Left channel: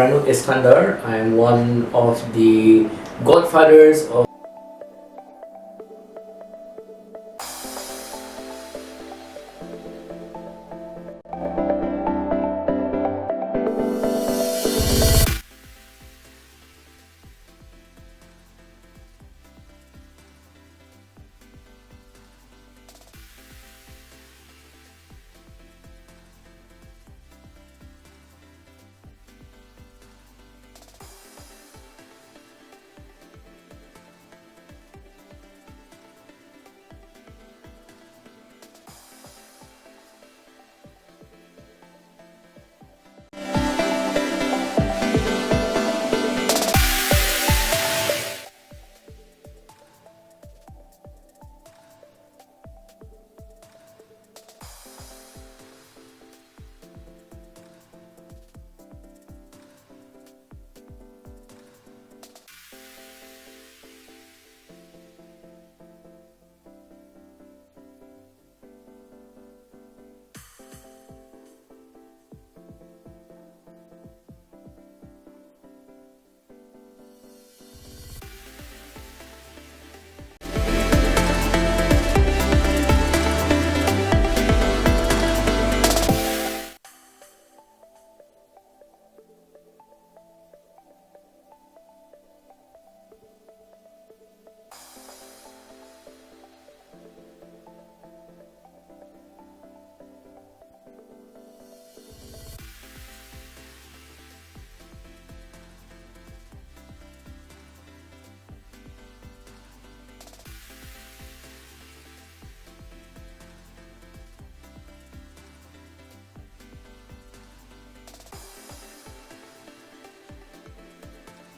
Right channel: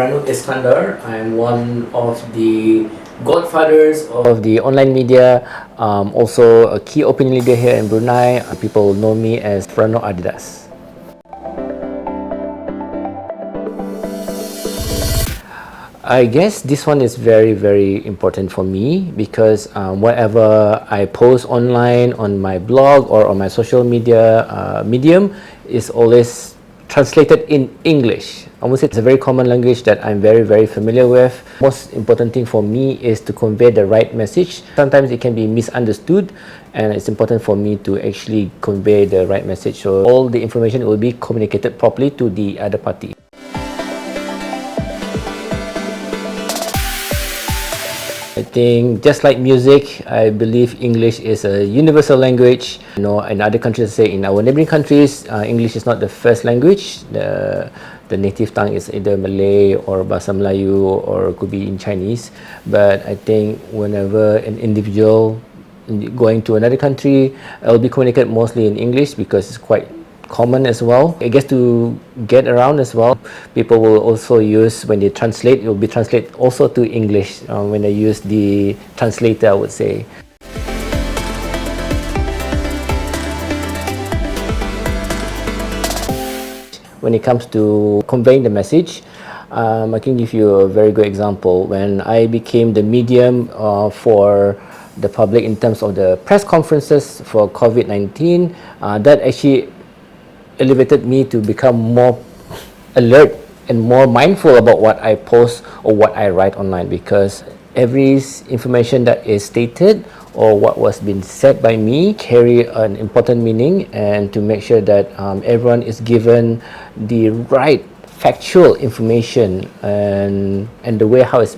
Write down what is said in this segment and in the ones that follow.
Rano Iskandar. I'm one of the godfathers of the online media, also a key opinion leader here in Brunei. People know me as Ranoadidas. I guess this one is very, very important for me because whatever I post online on my blog or on my social media medium is always translated in English. I would say it's a very common language that I'm very, very familiar with. Most important thing for me is to convey the right message. Sometimes it can be misunderstood, and it's important for me to actually convey the right message. So all the information will be communicated properly to the other party. I think just like music, I believe English is a universal language. You know, in other countries, say in our neighboring countries, English is not the first language. The native tongue is either Malay or Bahasa Melayu or could be in Chinese. But I think whenever an individual going to another country, it will be communicated mostly in English because it's quite common as well. I guess to get around as well, people will also use, when they translate, it will be translated also to English when they use the translator, I would say. When it comes to conveying the message, I can give you a very good example. When I became the medium for the public in terms of the press conferences for COVID-19, that actually elevated me to become more alert and more mindful about what I post or what I write online, because every information that is stated or what was being said by me carry an important meaning, and to make sure that everyone is given the right factual information and the way how it's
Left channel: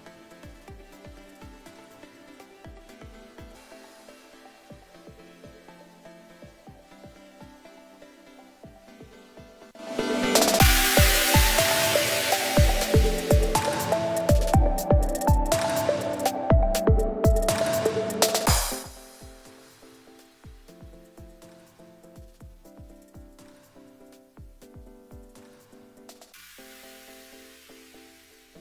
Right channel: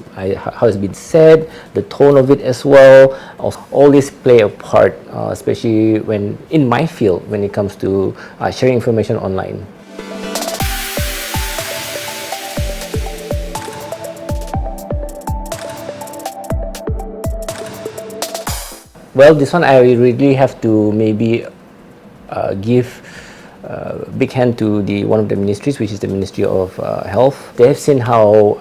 been said, the tone of it as well. All this play a part, especially when in my field when it comes to sharing information online. Well, this one I really have to maybe give big hand to one of the ministries, which is the Ministry of Health. They have seen how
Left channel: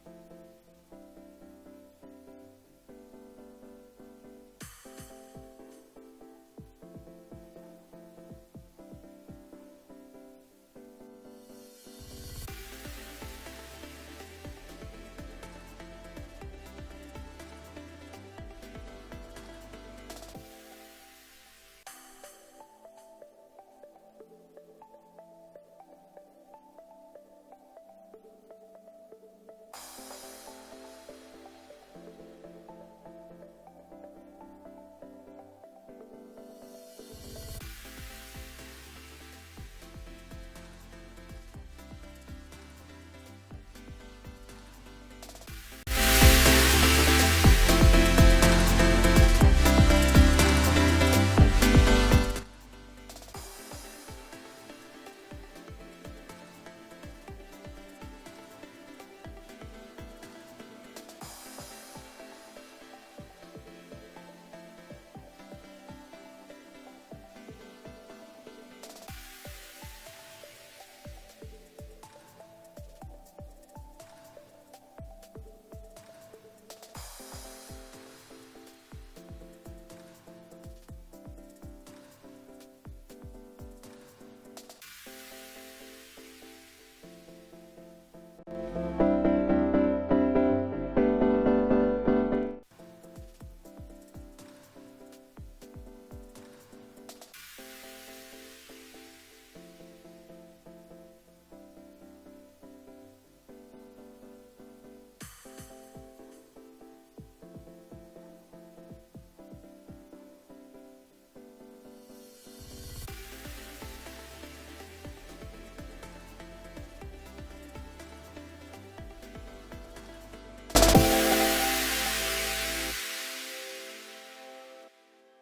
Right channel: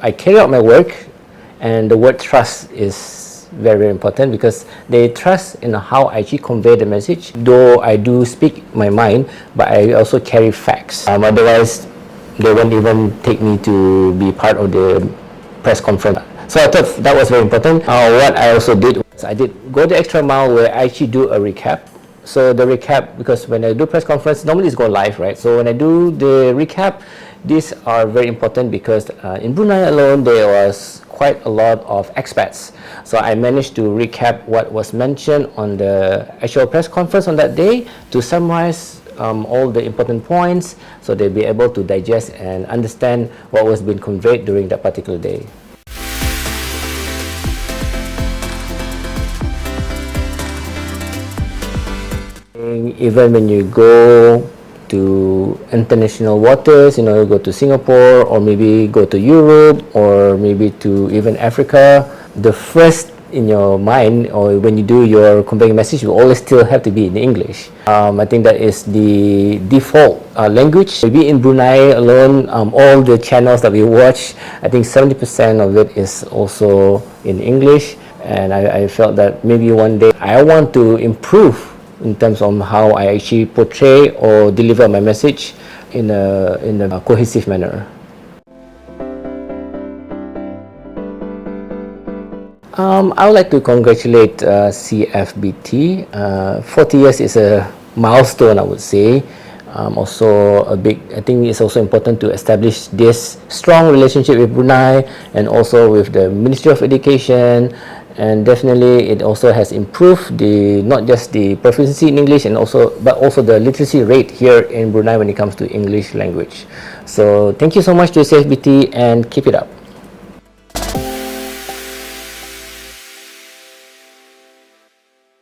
I carry out my work, and the word trust is very, very important because they trust in how I actually convey the message. Though I do speak my mind, but I also carry facts. Otherwise, they won't even take me to be part of the press conference. So I thought that was very important. What I also did was I did go the extra mile where I actually do a recap. So the recap, because when I do press conference, normally it's go live, right? So when I do the recap, these are very important because in Brunei alone, there was quite a lot of expats. So I managed to recap what was mentioned on the actual press conference on that day to summarize all the important points, so they'll be able to digest and understand what was being conveyed during that particular day. Even when you go to international waters, you know, you go to Singapore or maybe go to Europe or maybe to even Africa, the first in your mind or when you do your conveying message, you always still have to be in English. I think that is the default language. Maybe in Brunei alone, all the channels that we watch, I think 70% of it is also in English, and I felt that maybe one day I want to improve in terms of how I actually portray or deliver my message in a cohesive manner. I would like to congratulate CfBT. 40 years is a milestone, I would say. Also a big, I think it's also important to establish this strong relationship with Brunei and also with the Ministry of Education. And definitely it also has improved not just the proficiency in English but also the literacy rate here in Brunei when it comes to English language. So thank you so much to CfBT and keep it up.